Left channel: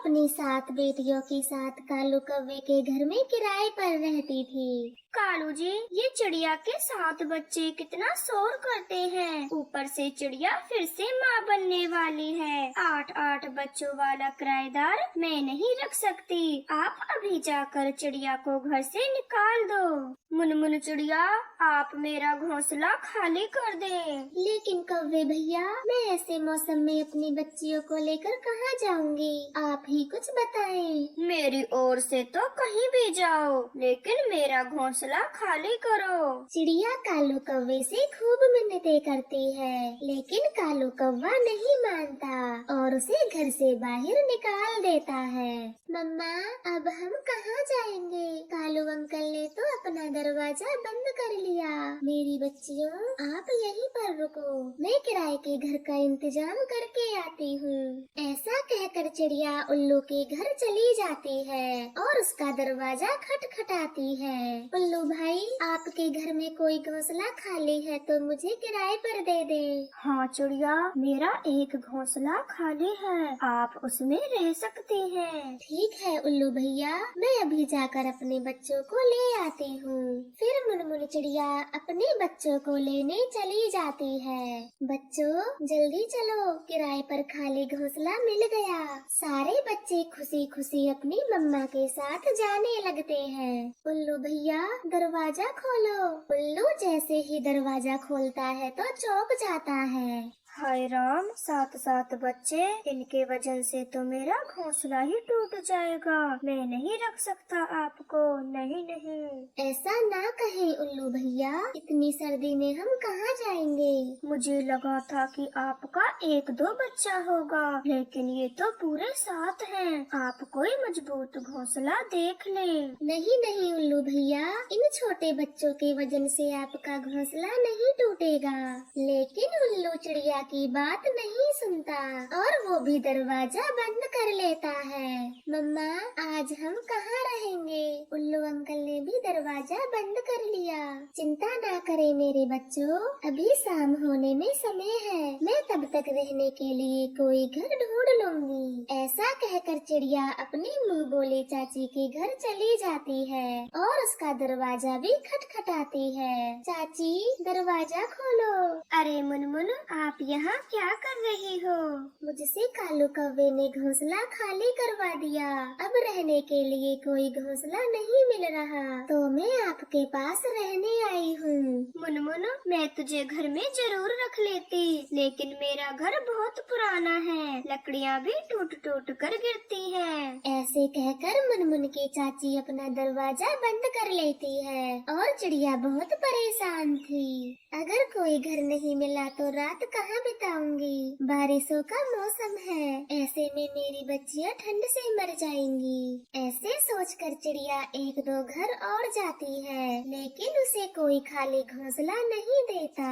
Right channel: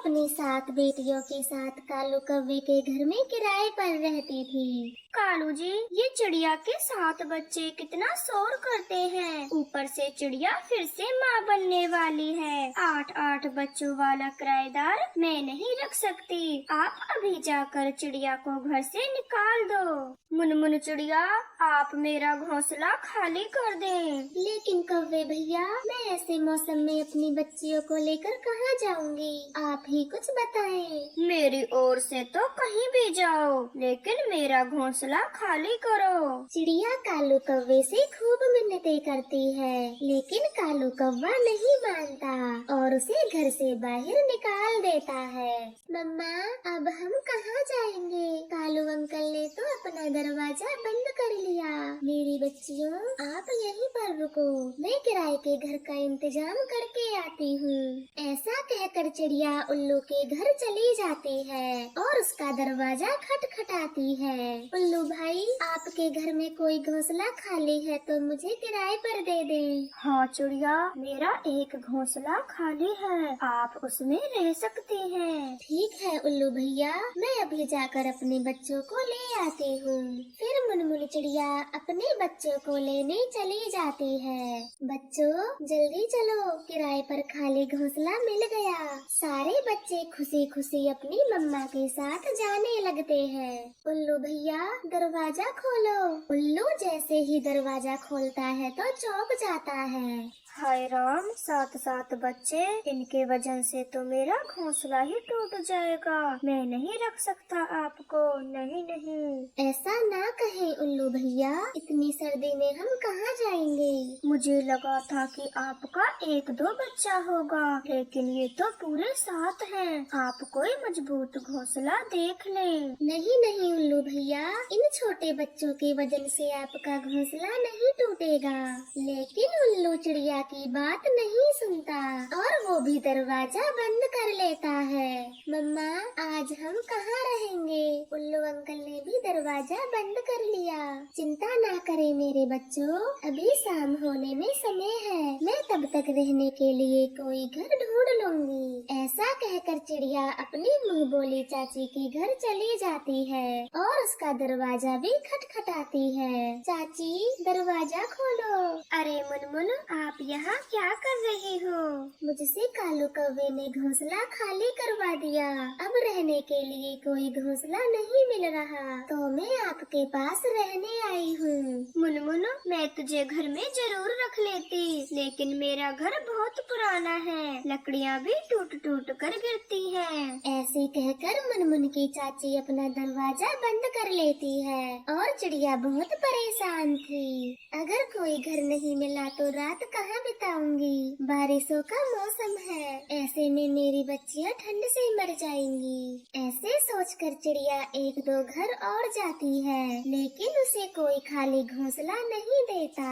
अपनी 7 बेटियों के साथ कालू कौवे के घर में किराए पर रहती थी। कालू जी, ये चिड़िया के 7 बच्चे कितना शोर करते हैं। ऊपर से चिड़िया फिर से माँ बनने वाली है। 8-8 बच्चों वाला किराएदार मैं नहीं रख सकती। आप अभी जाकर चिड़िया को घर से निकाल दो। मुनमुन चिड़िया, आप मेरा घोंसला खाली कर दें। लेकिन कौवे भैया, मैं ऐसे मौसम में अपनी बच्चियों को लेकर कहाँ जाऊंगी? आप ही कुछ बताएं। मेरी ओर से तो कहीं भी जाओ, लेकिन मेरा घोंसला खाली करो। चिड़िया कालू कौवे से खूब मिन्नतें करती है, लेकिन कालू कौवा नहीं मानता और उसे घर से बाहर निकाल देता है। मम्मा, अब हम कहाँ जाएंगे? कालू अंकल ने तो अपना दरवाजा बंद कर लिया। मेरी बच्चियों, आप यहीं पर रुको, मैं किराए के घर का इंतजाम करके आती हूँ। ऐसा कहकर चिड़िया उल्लू के घर चली जाती है और उसका दरवाजा खटखटाती है। उल्लू भाई, आपके घर में कोई घोंसला खाली है तो मुझे किराए पर दे दें। हाँ चिड़िया, मेरा एक घोंसला खाली है, आप उसमें रह सकते हैं। ठीक है उल्लू भैया, मैं अभी जाकर अपने बच्चों को ले आती हूँ। फिर मुनमुन चिड़िया अपने बच्चों को लेने चली जाती है। बच्चों, जल्दी चलो, किराए पर खाली घोंसला मिल गया। सारे बच्चे खुशी खुशी अपनी मम्मा के साथ जाने लगते हैं। उल्लू भैया, दरवाजा खोलो। उल्लू जैसे ही दरवाजा खोलता है तो चौंक जाता है। हाय राम, 7 बच्चे, इनके वजन से तो मेरा घोंसला ही टूट जाएगा। मैं नहीं रख सकता आपको, नहीं नहीं। ऐसा ना कहे उल्लू भैया, इतनी सर्दी में हम कहाँ जाएंगे? मुझे लगा था कि आपका 1-2 बच्चा होगा, लेकिन ये तो पूरे 7 हैं। आप कोई मजबूत घोंसला देख लें। नहीं नहीं उल्लू भैया, इन छोटे बच्चों की वजन से आपका घोंसला नहीं टूटेगा। लेकिन उल्लू चिड़िया की बात नहीं सुनता और वो भी दरवाजा बंद कर लेता है। मम्मा, आज हम कहाँ रहेंगे? उल्लू अंकल ने भी दरवाजा बंद कर लिया। चिंता ना करे मेरे बच्चों, अभी शाम होने में समय है। मैं तब तक रहने के लिए कोई घर ढूंढ लूंगी। ऐसा कहकर चिड़िया अपनी मुँह बोली चाची के घर चली जाती है और उसका दरवाजा भी खटखटाती है। चाची, दरवाजा खोलो। अरे मुनमुन, आप यहाँ क्या कर रही हो? मुझसे कालू कौवे ने घोंसला खाली करवा दिया। अब रहने के लिए कोई घोंसला नहीं मिल रहा, तो मैं आपके पास रहने आई हूँ। मुनमुन, मैं तुझे घर में जरूर रख लेती, लेकिन मेरा घर बहुत पुराना है, लकड़ियाँ भी टूट टूट कर गिरती हैं। ऐसे कहकर मुनमुन की चाची अपना दरवाजा बंद कर लेती है और चिड़िया बहुत परेशान थी। अगर कोई घर नहीं मिला तो रात कहाँ बिताऊंगी? बारिशों का मौसम है, ऐसे में मेरी बच्चियाँ ठंड से मर जाएंगी। ऐसे सोचकर चिड़िया 1-2 घर और जाती है, लेकिन उसे कोई खाली घोंसला नहीं देता।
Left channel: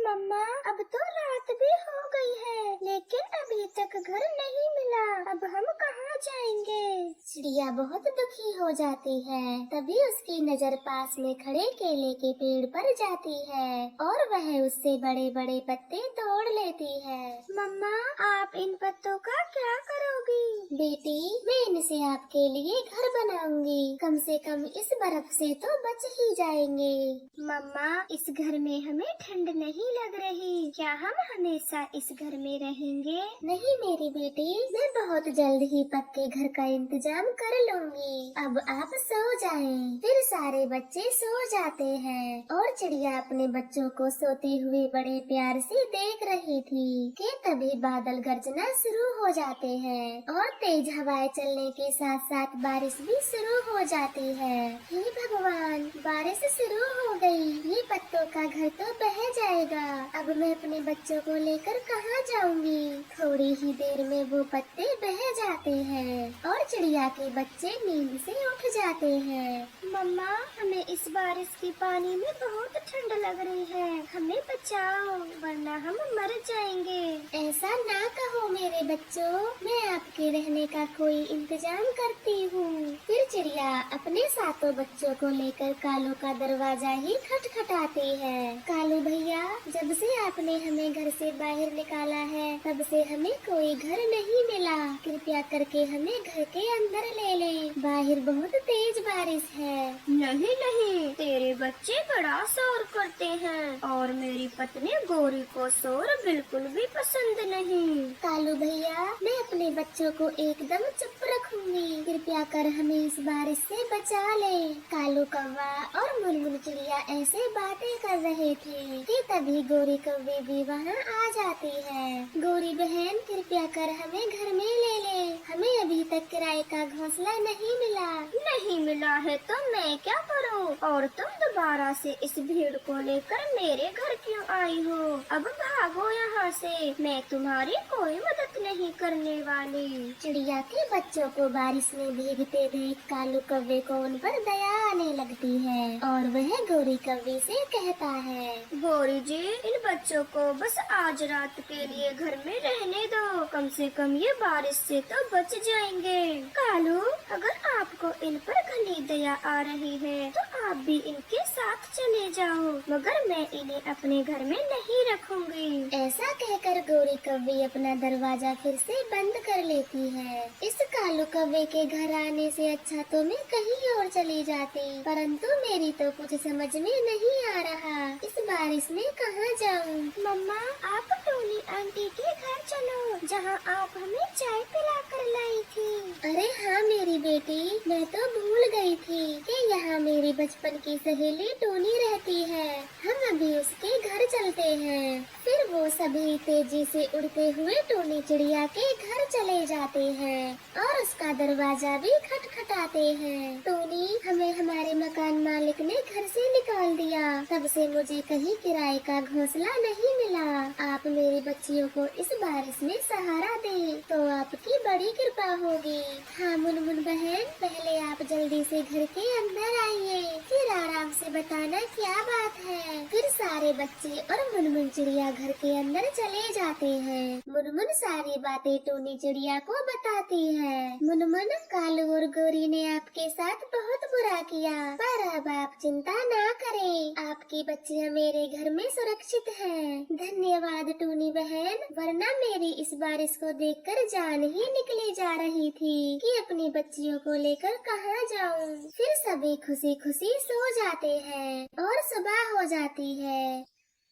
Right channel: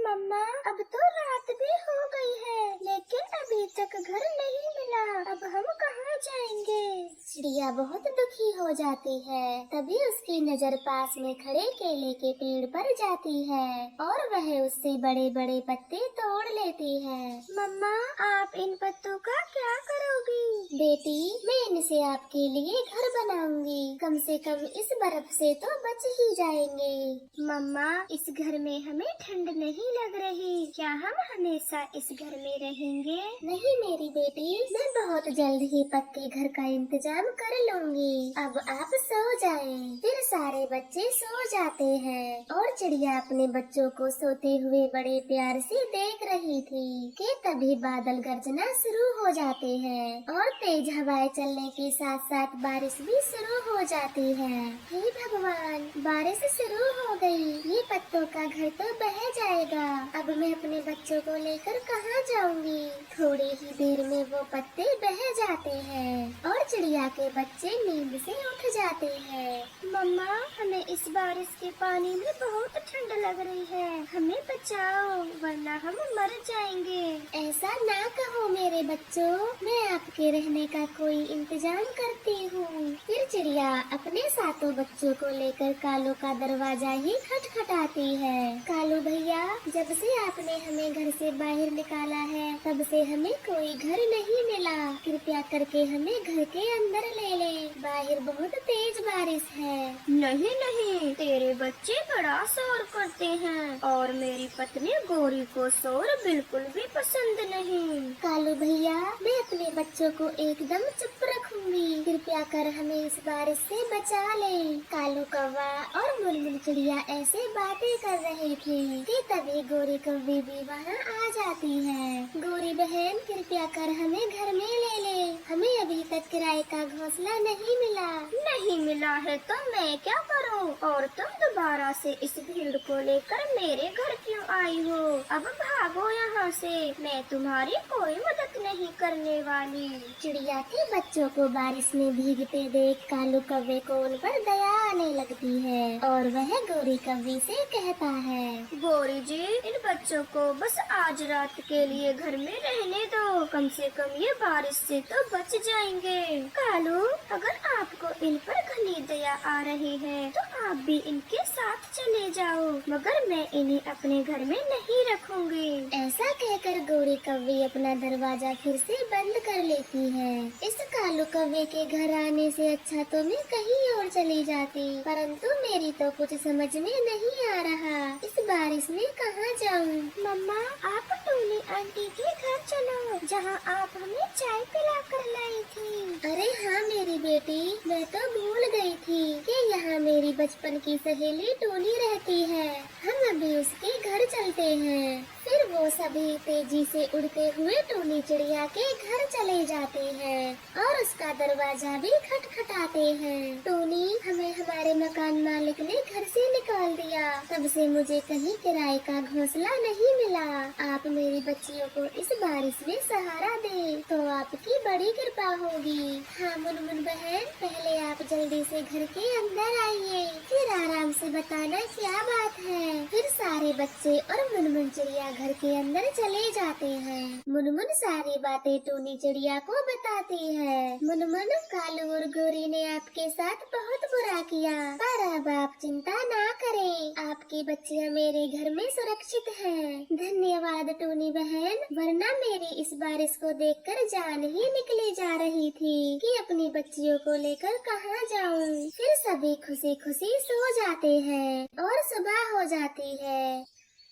मम्मा, अब तो रात भी हो गई है, लेकिन अभी तक घर नहीं मिला। अब हम कहाँ जाएंगे? चिड़िया बहुत दुखी हो जाती है। तभी उसकी नजर पास में खड़े केले के पेड़ पर जाती है और वह उससे बड़े बड़े पत्ते तोड़ लेती है। मम्मा, आप इन पत्तों का क्या करोगी? बेटी, मैं इनसे आपके लिए घर बनाऊंगी। कम से कम इस बर्फ से तो बच ही जाएंगे। मम्मा, इस घर में हमें ठंड नहीं लग रही, क्या हम हमेशा इस घर में रहेंगे? नहीं मेरी बेटी, मैं बहुत जल्द ही पक्के घर का इंतजाम कर लूंगी। अब आप सो जाएं। फिर सारे बच्चे सो जाते हैं और चिड़िया अपने बच्चों को सोते हुए बड़े प्यार से देख रही थी कि तभी बादल गर्जना शुरू हो जाते हैं और तेज हवाएं चलने के साथ साथ बारिश भी शुरू हो जाती है। हे भगवान, बारिश शुरू हो गई। ये पत्तों का घर तो बह जाएगा। अब मैं अपने बच्चों को लेकर कहाँ जाऊंगी? थोड़ी ही देर में वो पत्ते बह जाते हैं और चिड़िया के बच्चे नींद से उठ जाते हैं। मम्मा, हमें इस बारिश के पानी में बहुत ठंड लग रही है, हमें बचाओ वरना हम मर जाएंगे। ऐसा ना कहो मेरे बच्चों, मैं आपके रहने का कोई इंतजाम करती हूँ। फिर चिड़िया अपने सातों बच्चों को लेकर कालू का दरवाजा ही खटखटाती है। कालू भैया, जब से आपने हमें घर से बाहर निकाला है तब से हमें कोई घर नहीं मिला। कृपया करके हमें घर के अंदर ले लें। बाहर बहुत तेज बारिश है। नहीं नहीं, तेरे बच्चे बड़ा शोर करते हैं और मेरी पत्नी गोरी को शोर बिल्कुल भी पसंद नहीं। कालू भैया, मैं अपने बच्चों को एकदम चुप रखूंगी। कृपया कर हमें इस बारिश से बचा ले। कालू कौवा और मुर्मुर चिड़िया ऐसे बातें कर रहे थे कि तभी गोरी कौवी भी वहाँ आ जाती है। गोरी बहन, कृपया कर हमें घर में ले ले। हमें अभी तक किराए का घोंसला नहीं मिला। नहीं मिला है तो मैं क्या करूं? और तुम दोबारा से इस भीड़ को लेकर मेरे घर क्यों आई हो? अब भागो यहाँ से, मैं तुम्हारी कोई मदद नहीं करने वाली। चिड़िया के बच्चों को बारिश में भीगते देख कालू कौवे को उन पर दया आने लगती है और वह गोरी कौवी से कहता है, गोरी जी, इन बच्चों को बस आज रात के लिए घर में रहने दो। कम से कम ये बारिश से तो बच जाएंगे। कालू, अगर आपको इन पर घनी दया आ रही है तो आप भी इनके साथ चले जाओ, मगर मैं इन्हें अपने घर में नहीं रखूंगी। ऐसा कहकर गोरी कौवी अपना दरवाजा फिर से बंद कर लेती है। इस कालू कौवे के घर आने से अच्छा तो मैं कहीं और चली जाती, परंतु मेरी तो कुछ समझ में नहीं आ रहा। इस बारिश में कहाँ जाऊँ? मम्मा, आप टूनी आंटी के घर चलो, जहाँ आप हमें चाय पिला कर लाई थी। अरे हाँ मेरी बेटी, मैं तो भूल गई थी कि यहाँ मेरी बचपन की सहेली टोनी रहती है। हम अभी उसके घर चलते हैं। फिर वो सभी तेजी से उड़ते हुए टोनी चिड़िया के घर चले जाते हैं और उसका दरवाजा भी खटखटाते हैं। टोनी, हमें हमारे मकान मालिक ने घर से निकाल दिया। तब से मुझे कहीं किराए का घोंसला नहीं मिला। आप मेरी बच्चियों को इस बारिश में सहारा दें तो आपकी बड़ी कृपा होगी। हाँ मुनमुन बहन, पहले आप जल्दी से घर के अंदर आइए, फिर आराम से बताना क्या बात है। फिर सारे बच्चे और मुनमुन चिड़िया घर के अंदर चले जाते हैं। मुनमुन सारी बातें टूनी चिड़िया को बताती है। मुनमुन, कालू और गोरी ने आपके साथ बहुत बुरा किया, पर अब आप चिंता ना करें। आपकी बच्चियां मेरे घर में सुरक्षित हैं। धन्यवाद टूनी बहन, वरना मेरी इस बारिश को देखकर जान ही निकले जा रही थी कि अपनी बच्चियों को लेकर कहाँ जाऊँ। फिर सभी खुशी खुशी सो जाते हैं और सुबह हो जाती है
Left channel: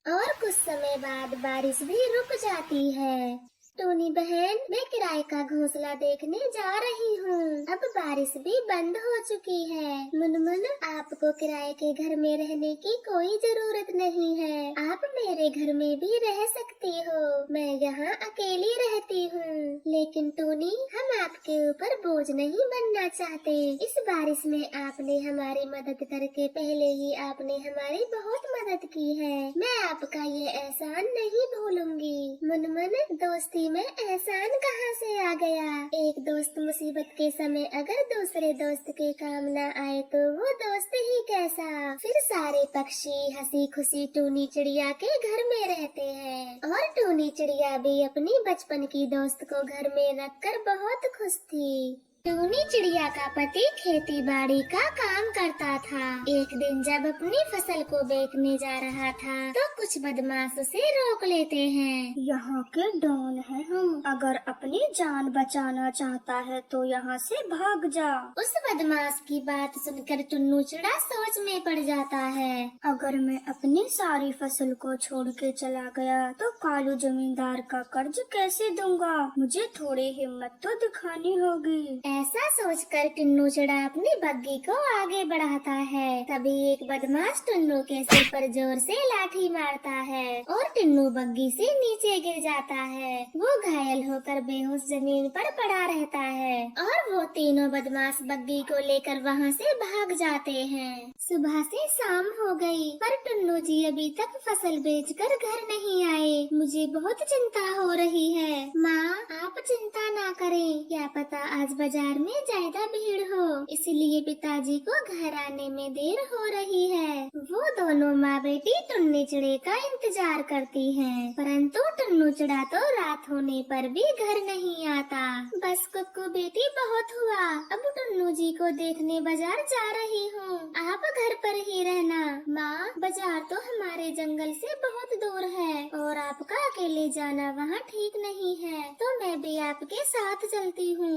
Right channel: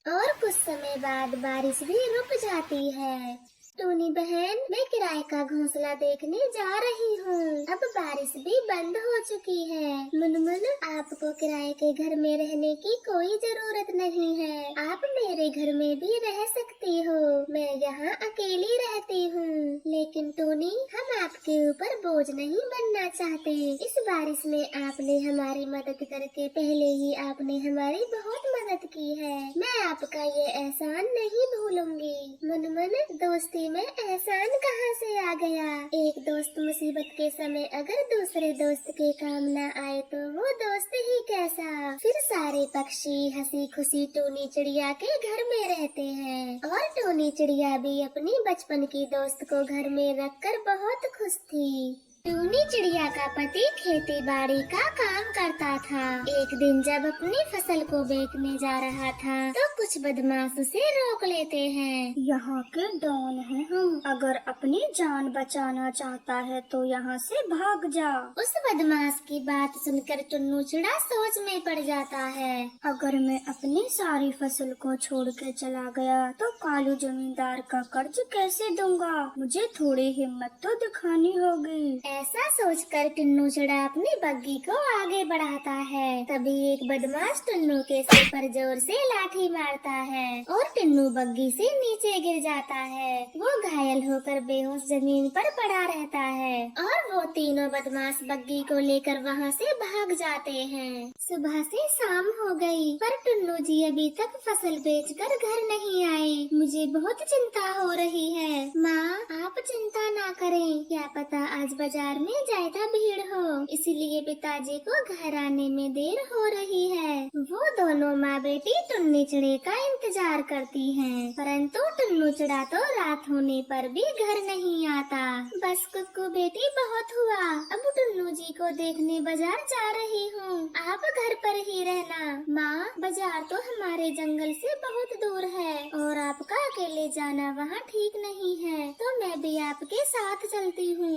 और कुछ समय बाद बारिश भी रुक जाती है। टूनी बहन, मैं किराए का घोंसला देखने जा रही हूँ। अब बारिश भी बंद हो चुकी है। मुनमुन, आपको किराए के घर में रहने की कोई जरूरत नहीं है। आप मेरे घर में भी रह सकती हो। मैं यहाँ अकेली रहती हूँ। लेकिन टोनी, हम आपके ऊपर बोझ नहीं बनना चाहते। इस बारिश में आपने हमारी मदद करके पहले ही आपने हमारी बहुत मदद की है। मैं आपका ये एहसान नहीं भूलूंगी। मुनमुन, दोस्ती में एहसान कहाँ से आ गया? एक दोस्त मुसीबत के समय अगर दूसरे दोस्त के काम न आए तो वो दोस्त ही कैसा। फिर सारे पक्षी हंसी खुशी टूनी चिड़िया के घर में रहते हैं और टूनी चिड़िया भी अपनी बचपन की दोस्त को घर में रखकर बहुत खुश थी। टूनी चिड़िया का पति खेती बाड़ी का काम करता था। एक दिन जब अपनी फसल को बेचने जा रहा था तो कुछ बदमाश उसे रोक लेते हैं। यहाँ के डॉन है हम, अगर अपनी जान बचाना चाहता है तो यहाँ से भाग जा। उस बदमाश की बात सुनकर टुन्नू चिड़ा सोच में पड़ जाता है। अगर मैं अपनी सारी फसल को छोड़ के चला गया तो कालू जमींदार का कर्ज कैसे दूंगा? मुझे थोड़ी हिम्मत तो दिखानी होगी। ऐसा सोचकर टुन्नू चिड़ा अपनी बग्गी को आगे बढ़ाता है। तभी एक बदमाश टुन्नू के सिर पर जोर से लाठी मारता है और टुन्नू बग्गी से नीचे गिर जाता है। वो घायल होकर बेहोश जमीन पर पड़ा रहता है और वो तीनों बदमाश बग्गी को लेकर वहाँ से भाग जाते हैं। सुबह से शाम हो गई पर टुन्नू जी अभी तक फसल बेचकर घर नहीं आए। मुझे बहुत चिंता हो रही है। माँ, आप चिंता ना करें, क्या पता आज बाजार में ज्यादा भीड़ हो। इसलिए पिताजी को घर आने में देर हो रही है। वो दोनों माँ बेटी टुन्नी चिड़ी का इंतजार करती हैं, परंतु टुन्नू चिड़ा तो रात होने पर भी घर नहीं आता। बस कुक्कू बेटी बहुत हुआ, अब टुन्नू जी को देखने बाजार जा रही हूँ, आप घर पर ही रहना। माँ, बाजार तो हमारे जंगल से बहुत दूर है और आपका अकेले जाना वहाँ ठीक नहीं है, तो मैं भी आपके साथ चलती हूँ।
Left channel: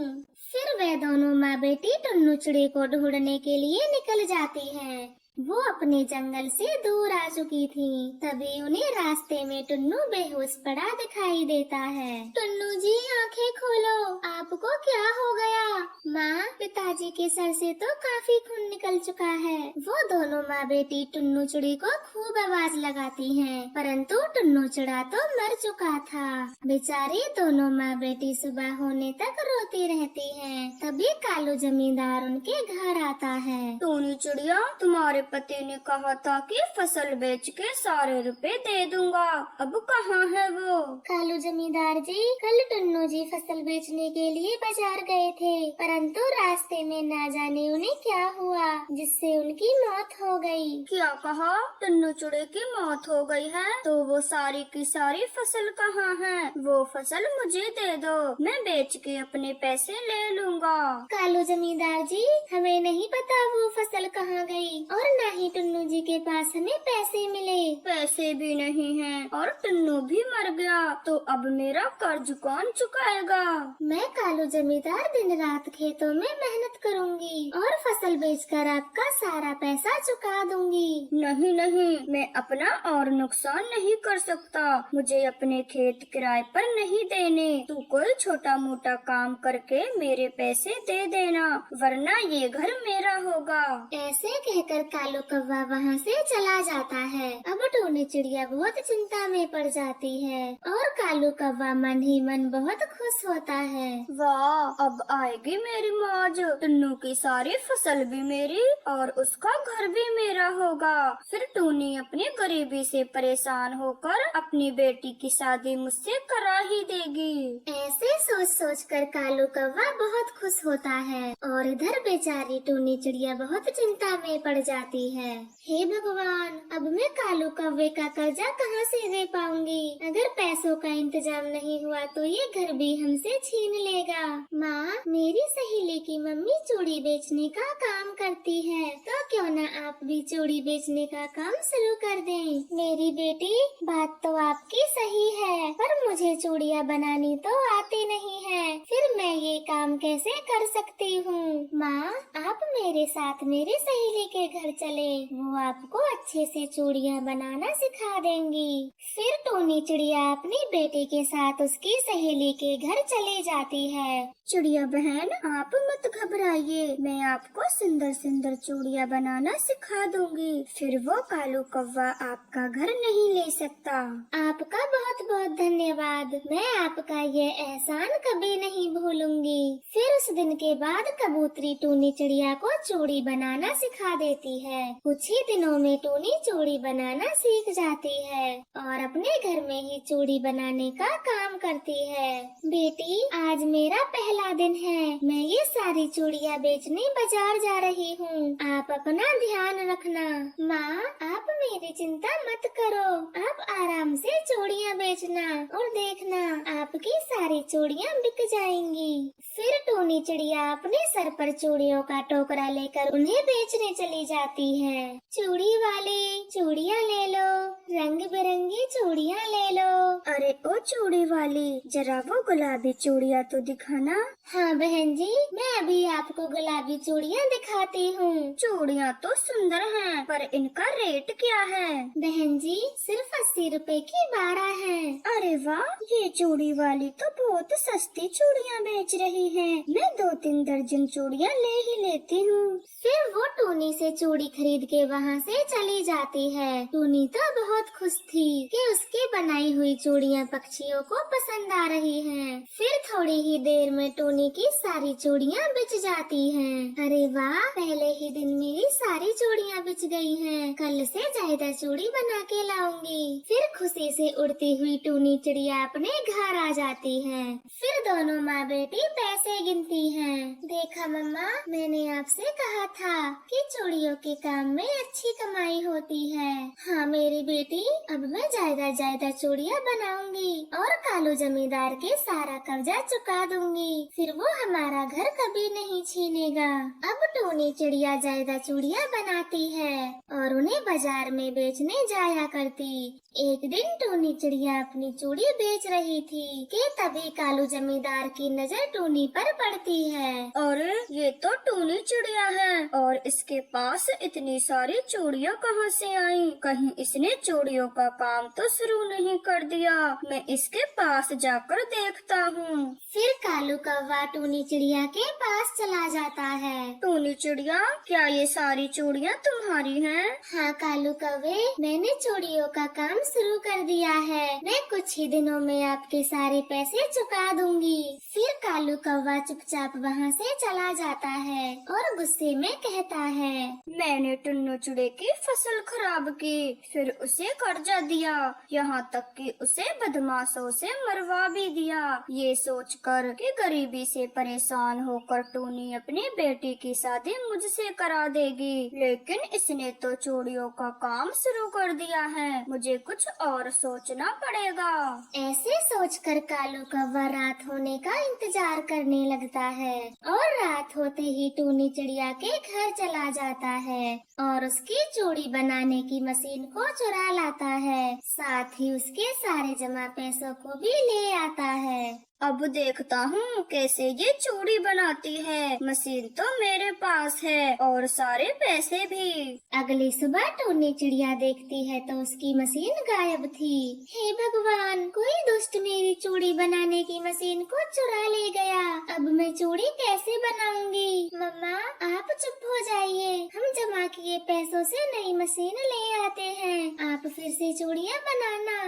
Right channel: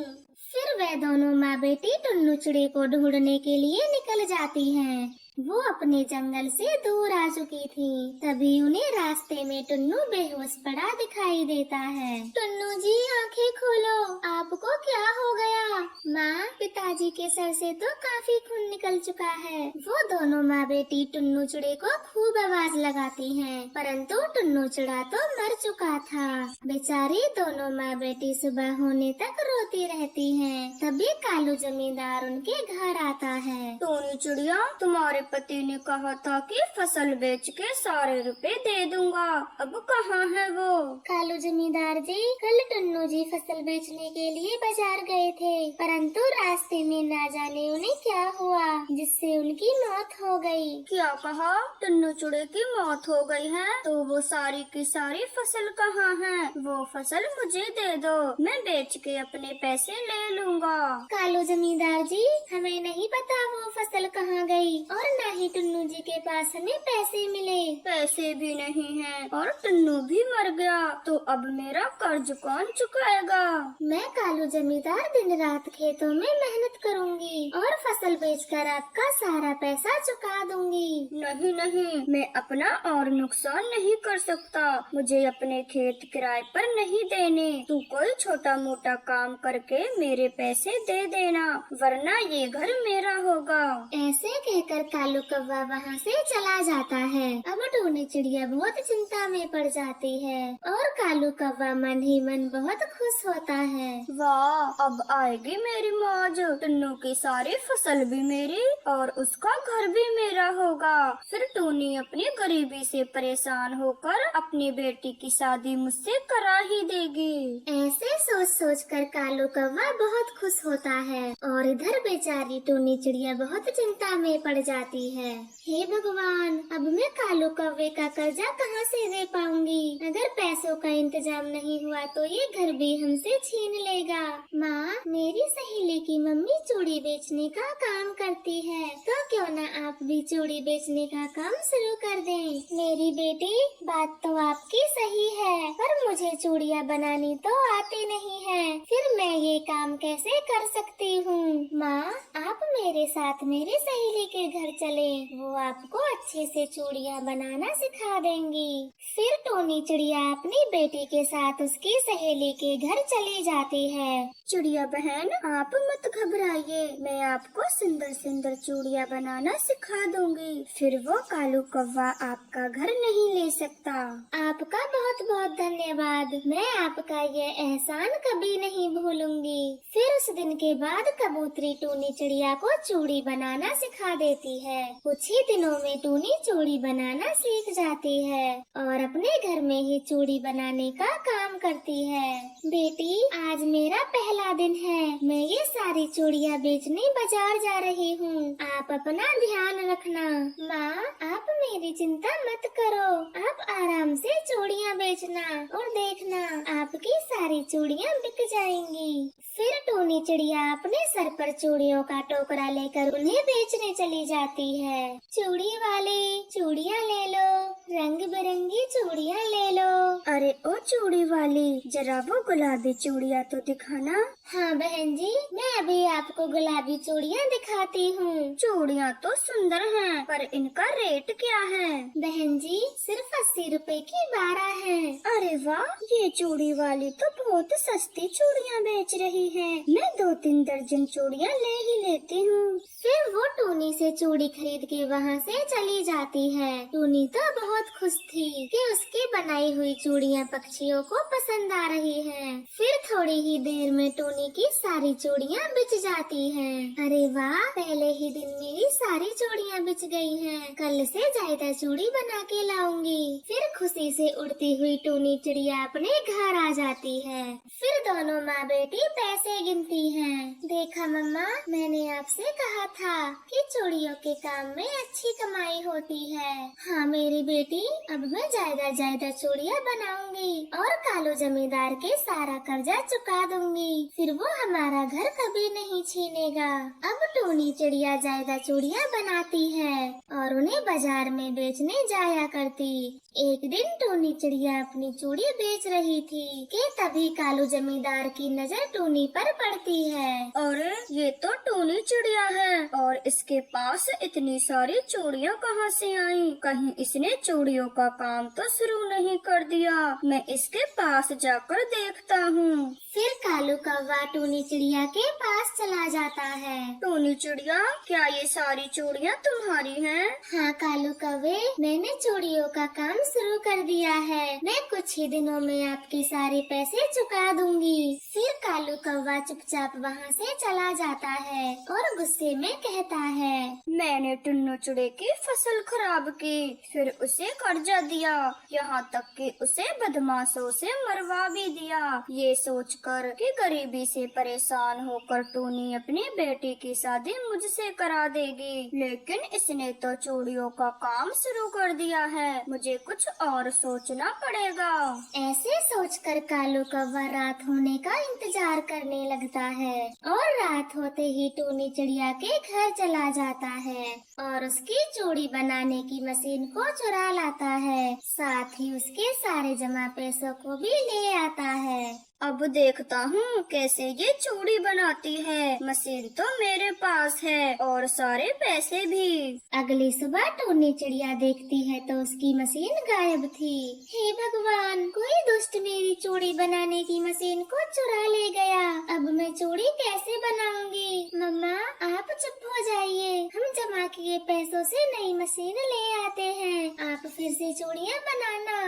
फिर वे दोनों माँ बेटी टुन्नू चिड़ी को ढूंढने के लिए निकल जाती हैं। वो अपने जंगल से दूर आ चुकी थी, तभी उन्हें रास्ते में टुन्नू बेहोश पड़ा दिखाई देता है। टुन्नू जी, आंखें खोलो, आपको क्या हो गया? माँ, पिताजी के सर से तो काफी खून निकल चुका है। वो दोनों माँ बेटी टुन्नू चिड़ी को खूब आवाज लगाती हैं, परंतु टुन्नू चिड़ा तो मर चुका था। बेचारी दोनों माँ बेटी सुबह होने तक रोती रहती हैं। तभी कालू जमींदार उनके घर आता है। टोनी चिड़िया, तुम्हारे पति ने कहा था कि फसल बेच के सारे रुपए दे दूंगा, अब कहाँ है वो? कालू जमींदार जी, कल टुन्नू जी फसल बेचने के लिए बाजार गए थे, परंतु रास्ते में न जाने उन्हें क्या हुआ जिससे उनकी मौत हो गई। क्या कहा? टुन्नू चिड़े की मौत हो गई है? तो वो सारी की सारी फसल कहाँ है? वो फसल मुझे दे दो, मैं बेच के अपने पैसे ले लूँगा। कालू जमींदार जी, हमें नहीं पता वो फसल कहाँ गई और न ही टुन्नू जी के पास हमें पैसे मिले। पैसे भी नहीं हैं और टुन्नू भी मर गया, तो अब मेरा कर्ज कौन चुकाएगा? मैं कालू जमींदार दिन रात खेतों में मेहनत करूंगी और फसल बेचकर आपका सारा पैसा चुका दूंगी। नहीं नहीं, मैं अपना और नुकसान नहीं कर सकता, मुझे अपने खेत किराए पर नहीं देने। तू कोई छोटा मोटा काम करके मेरे पैसे दे देना, वरना ये घर मेरा होगा। ऐसे कहकर कालू कौवा वहाँ से चला जाता है। अब टोनी चिड़िया बहुत चिंता में पड़ जाती है और कालू कौवा मन ही मन बहुत खुश होता है। वाह, अब आएगी मेरी मौज, टुन्नू की सारी फसल भी मेरी और उसका घर भी मेरा होगा। फिर टोनी अपनी गरीबी से परेशान होकर अपनी बेटी की शादी मुझसे करा ही देगी। ऐसे सोच सोच कर कालू कौवा बहुत खुश होता है और इधर बेचारी टोनी चिड़िया बहुत चिंता में पड़ जाती है। हे भगवान, अब मैं कालू कौवे का कर्जा कहाँ से दे पाऊंगी? अगर पैसों का इंतजाम नहीं हुआ तो ये घर भी हमसे छीन लेगा। माँ, मेरी सहेली की मम्मी चूड़ी बेचने का काम करती है, तो क्यों न आप भी चूड़ी बेचने का काम शुरू कर दें। मेरी बेटी, बात तो आपकी सही है, पर मुझे चूड़ियाँ बनानी तो आती नहीं है, फिर मैं ये काम कैसे कर सकती हूँ? माँ, आप मेरे साथ मेरी सहेली के घर चले, वो आपको अच्छे से चूड़ियाँ बनाना सिखा देंगी। फिर टोनी चिड़िया अपनी बेटी के साथ उसकी सहेली के घर चली जाती है। चिड़िया बहन, आप मत घबराइए, मैं आपको सुंदर सुंदर चूड़ियाँ बनाना सिखा दूंगी, फिर वो कालू कौवा आपका घर नहीं ले सकता। आपका बहुत बहुत धन्यवाद, मैं आपका ये एहसान कभी नहीं भूलूंगी। फिर उस दिन के बाद कबूतरी टोनी चिड़िया को चूड़ी बनाना सिखा देती है। कुछ ही दिनों में टोनी चूड़ी बनाना सीख जाती है और अपने घर में ही चूड़ी बनाने का काम करती है। बेटी, आज मेरा पहला दिन है, मैं ये सारी चूड़ियाँ बेचने बाजार जा रही हूँ, आप अपना ध्यान रखना। माँ, आप मेरी चिंता मत करो, आप आराम से चूड़ियाँ बेचना और देखना आपकी सारी चूड़ियाँ बिक जाएंगी। फिर टोनी चिड़िया अपने सर पर चूड़ियों का टोकरा लेकर उन्हें बेचने चली जाती है। चूड़ी वाले, चूड़ियाँ ले लो, रंग बिरंगी चूड़ियाँ ले लो। अरे ओ चूड़ी वाली, जरा वो गुलाबी चूड़ियाँ तो दिखाना। हाँ बहन जी, मैं अभी आपको गुलाबी चूड़ियाँ दिखाती हूँ। चूड़ियाँ तो सुंदर हैं, पर इनका रेट क्या है? बहन जी, सिर्फ 80 रुपए की 12 है। अरे वाह, ये चूड़ी वाली तो बहुत सस्ती चूड़ियाँ बेच रही है, मैं 2-3 दर्जन चूड़ियाँ ले ही लेती हूँ। फिर वो टोनी से चूड़ी खरीद के वहाँ से चली जाती है। टोनी तो बहुत खुश थी कि उसकी बनाई हुई चूड़ियाँ पक्षियों को पसंद आ रही हैं। फिर थोड़ी ही देर में टोनी की सारी चूड़ियाँ बिच जाती हैं। अरे वाह, पहले ही दिन में ही सारी चूड़ियाँ बिच गई हैं। कल से ज्यादा चूड़ी बना के लाऊंगी। फिर खुशी से उड़ती हुई टोनी चिड़िया अपने घर आ जाती है। फिर दोनों माँ बेटी पैसे गिनती हैं। देखा मम्मा, मैंने आप आपसे कहा था कि चूड़ियों के काम में अच्छी कमाई होती है। हाँ मेरी बेटी, अब मैं ज्यादा चूड़ियाँ बनाऊंगी और कालू जमींदार के सारा कर्जा चुका दूंगी। फिर वो हमारा घर कभी नहीं छीनेगा। अब टूनी चिड़िया ज्यादा चूड़ियाँ बनाती है और उन्हें बाजार में बेचने जाया करती। एक दिन टूनी चिड़िया अपनी चूड़ी बेच रही थी कि तभी कालू जमींदार की नजर टूनी पर पड़ती है। अरे ये तो टूनी चिड़िया है और इसके पास इतनी सारी चूड़ियाँ कहाँ से आई? कहीं इसने चूड़ियों का काम तो शुरू नहीं कर दिया। मैं इसके पास जाकर देखता हूँ। फिर कालू कौवा टूनी चिड़िया के पास चला जाता है। टूनी चिड़िया, क्या ये सारी चूड़ियाँ तुम्हारी हैं? हाँ कालू कौवे, मैंने चूड़ियों का काम शुरू कर दिया है। मैं कुछ ही दिनों में आपके सारे पैसे चुका दूंगी। फिर कालू कौवा चुपचाप वहाँ से चला जाता है और गुस्से में कहता है, मैंने टुन्नू चिड़े की फसल खराब की, फिर उसे कर्जा दिया, यहाँ तक कि उसे बदमाशों से मरवा भी दिया। ये सोचकर कि गरीबी से परेशान होकर टूनी अपनी बेटी की शादी मुझसे करा देगी, लेकिन इसने तो चूड़ियों का काम शुरू कर दिया है। मुझे कुछ और सोचना पड़ेगा। ऐसे सोचकर कालू कौवा रात होने का इंतजार करने लगता है और रात होते ही टूनी चिड़िया के घर चला जाता है और उसकी चूड़ी बनाने की मशीन को चुरा लाता है। साथ ही उसके सारे जमा पैसों को भी ले आता है। अब देखता हूँ कैसे ये चूड़ी बनाती है। मशीन तो मेरे पास है और सारे पैसे भी। अगली सुबह टूनी चिड़िया देखती है तो उसकी मशीन गायब थी। हे भगवान, कोई दुष्ट मेरी चूड़ी बनाने की मशीन को चुरा ले गया। अब मैं चूड़ी कैसे बनाऊंगी? मम्मा आप चुप हो जाइए, हम जमा किए पैसों से नई मशीन ले आते हैं। आप फिर से चूड़ियाँ बनाना।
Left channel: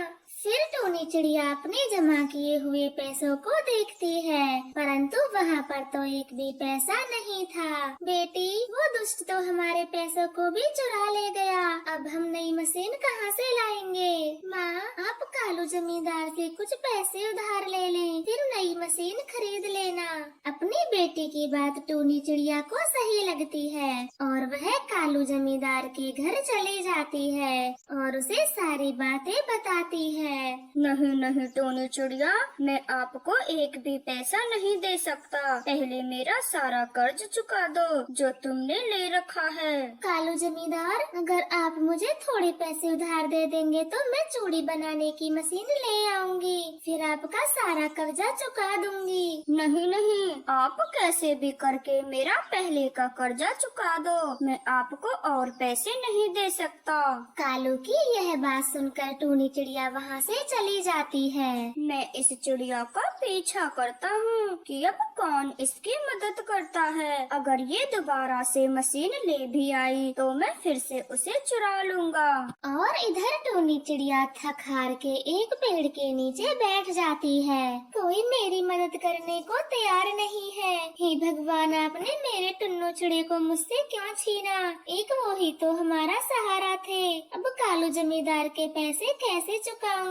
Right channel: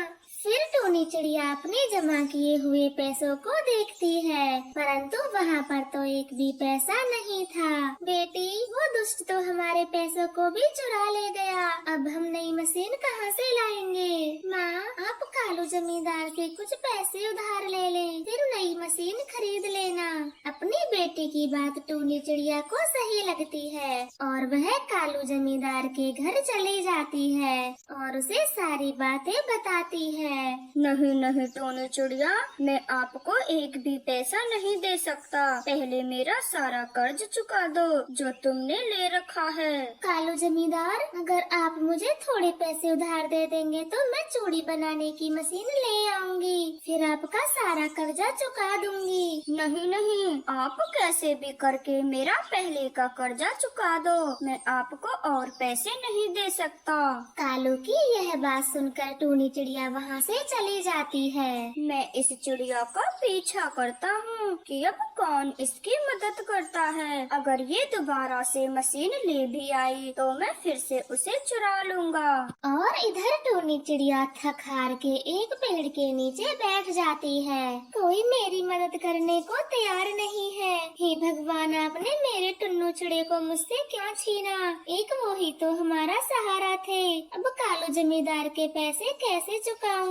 फिर टूनी चिड़िया अपने जमा किए हुए पैसों को देखती है, परंतु वहाँ पर तो एक भी पैसा नहीं था। बेटी, वो दुष्ट तो हमारे पैसों को भी चुरा ले गया। अब हम नई मशीन कहाँ से लाएंगे? माँ, आप कालू जमींदार के कुछ पैसे उधार ले लें, फिर नई मशीन खरीद लेना। अपनी बेटी की बात टूनी चिड़िया को सही लगती है और वह कालू जमींदार के घर चली जाती है और उसे सारी बातें बताती है। नहीं नहीं टूनी चिड़िया, मैं आपको एक भी पैसा नहीं दे सकता। पहले मेरा सारा कर्ज चुका दो जो तुमने ले रखा है। कालू जमींदार, अगर आप मुझे थोड़े पैसे उधार दे देंगे तो मैं चूड़ी बनाने की मशीन ले आऊंगी, फिर आपका सारा कर्जा चुका दूंगी। नहीं नहीं, आप कैसे भी करके मेरा पहले का कर्जा चुका दो। मैं आपको और पैसे नहीं दे सकता। कालू की यह बात सुनकर टूनी चिड़िया वहाँ से चली जाती है। मैं इस चिड़िया का पीछा करता हूँ कि अब कौन इसकी मदद करता है। अगर ये दोबारा से मशीन ले भी आई तो मैं फिर से उसे चुरा लूंगा। और इधर टूनी चिड़िया थक हार के एक पेड़ के नीचे बैठ जाती है। कोई मेरी मदद करने को तैयार नहीं है। हे भगवान, आपने मेरे टुन्नू चिड़िया को मुझसे क्यों छीना? एक वो ही तो हमारा सहारा थे। अब कालू जमींदार के पैसे कैसे चुकाऊंगी?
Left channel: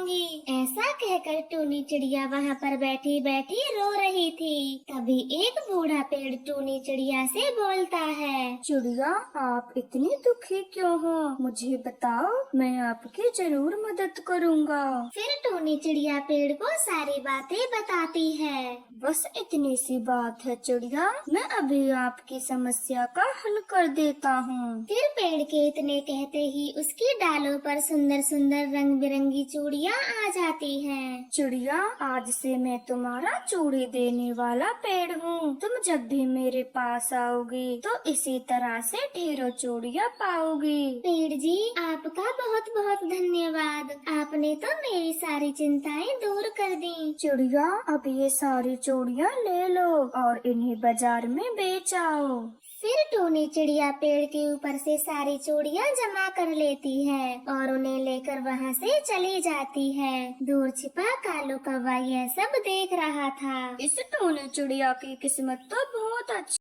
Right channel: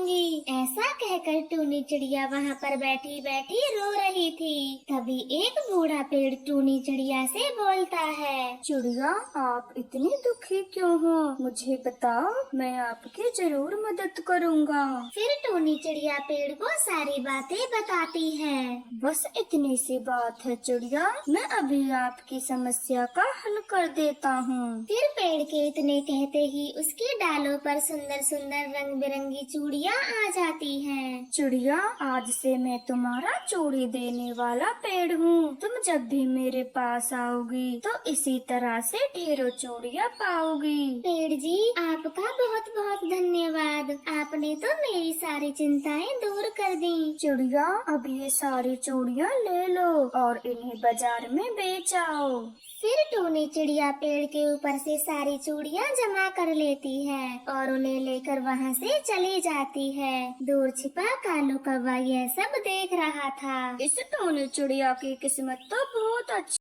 ऐसा कहकर टूनी चिड़िया वहाँ पर बैठी बैठी रो रही थी। तभी एक बूढ़ा पेड़ टूनी चिड़िया से बोलता है, चिड़िया, आप इतनी दुखी क्यों हो? मुझे बताओ, मैं आपकी जरूर मदद करूँगा। फिर टूनी चिड़िया पेड़ को सारी बातें बताती है। बस इतनी सी बात है चिड़िया, मैं अभी आपकी समस्या का हल कर देता हूँ। फिर पेड़ के इतने कहते ही उसके डालों पर सुंदर सुंदर रंग बिरंगी चूड़ियाँ आ जाती हैं। चिड़िया, आज से मैं तुम्हारा चूड़ी देने वाला पेड़ हूँ। तुम जब भी मेरे पास आओगी तो इसी तरह से ढेरों चूड़ियाँ पाओगी। पेड़ जी, आपका बहुत बहुत धन्यवाद। आपने तो मेरी सारी चिंताएं दूर कर दी। चिड़िया, अब ये सारी चूड़ियाँ ले लो और इन्हें बाजार में बेच आओ। फिर टूनी चिड़िया पेड़ के ऊपर से सारी चूड़ियाँ जमा कर लेती है और उन्हें लेकर वहाँ से चली जाती है। दूर छिपा कालू कौवा यह सब देख रहा था। इस टूनी चिड़िया की किस्मत तो बहुत अच्छी